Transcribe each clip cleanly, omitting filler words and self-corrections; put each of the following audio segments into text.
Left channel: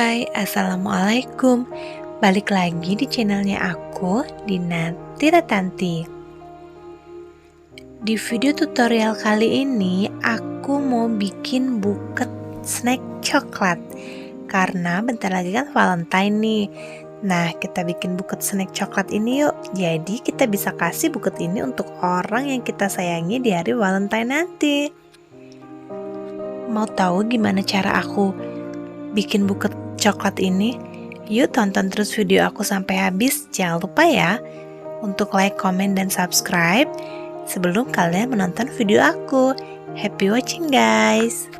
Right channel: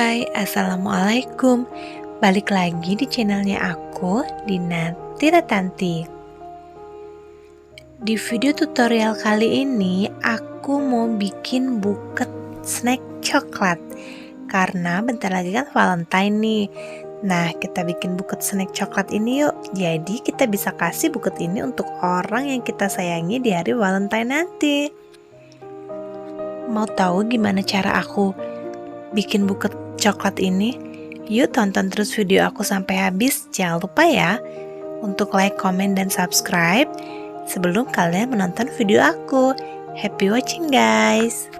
Hai, Assalamualaikum. Balik lagi di channelnya aku, Dina Tiratanti. Di video tutorial kali ini, aku mau bikin buket snack coklat. Karena bentar lagi kan Valentine nih. Nah, kita bikin buket snack coklat ini yuk. Jadi kita bisa kasih buket ini untuk orang yang kita sayangi di hari Valentine nanti. Mau tahu gimana cara aku bikin buket coklat ini? Yuk tonton terus video aku sampai habis. Jangan lupa ya untuk like, comment, dan subscribe sebelum kalian menonton video aku. Happy watching guys.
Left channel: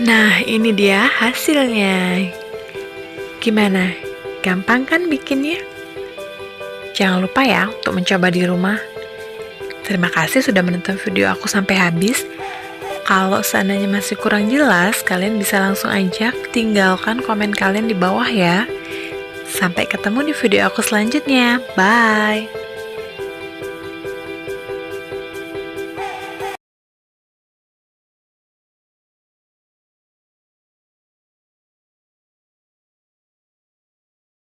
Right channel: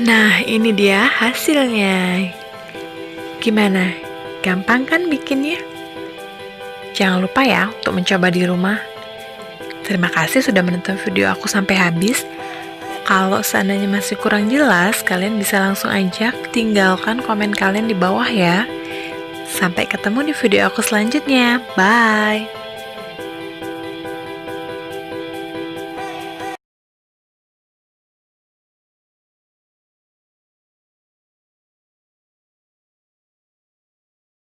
Nah, ini dia hasilnya. Gimana? Gampang kan bikinnya? Jangan lupa ya untuk mencoba di rumah. Terima kasih sudah menonton video aku sampai habis. Kalau seandainya masih kurang jelas, kalian bisa langsung aja tinggalkan komen kalian di bawah ya. Sampai ketemu di video aku selanjutnya. Bye!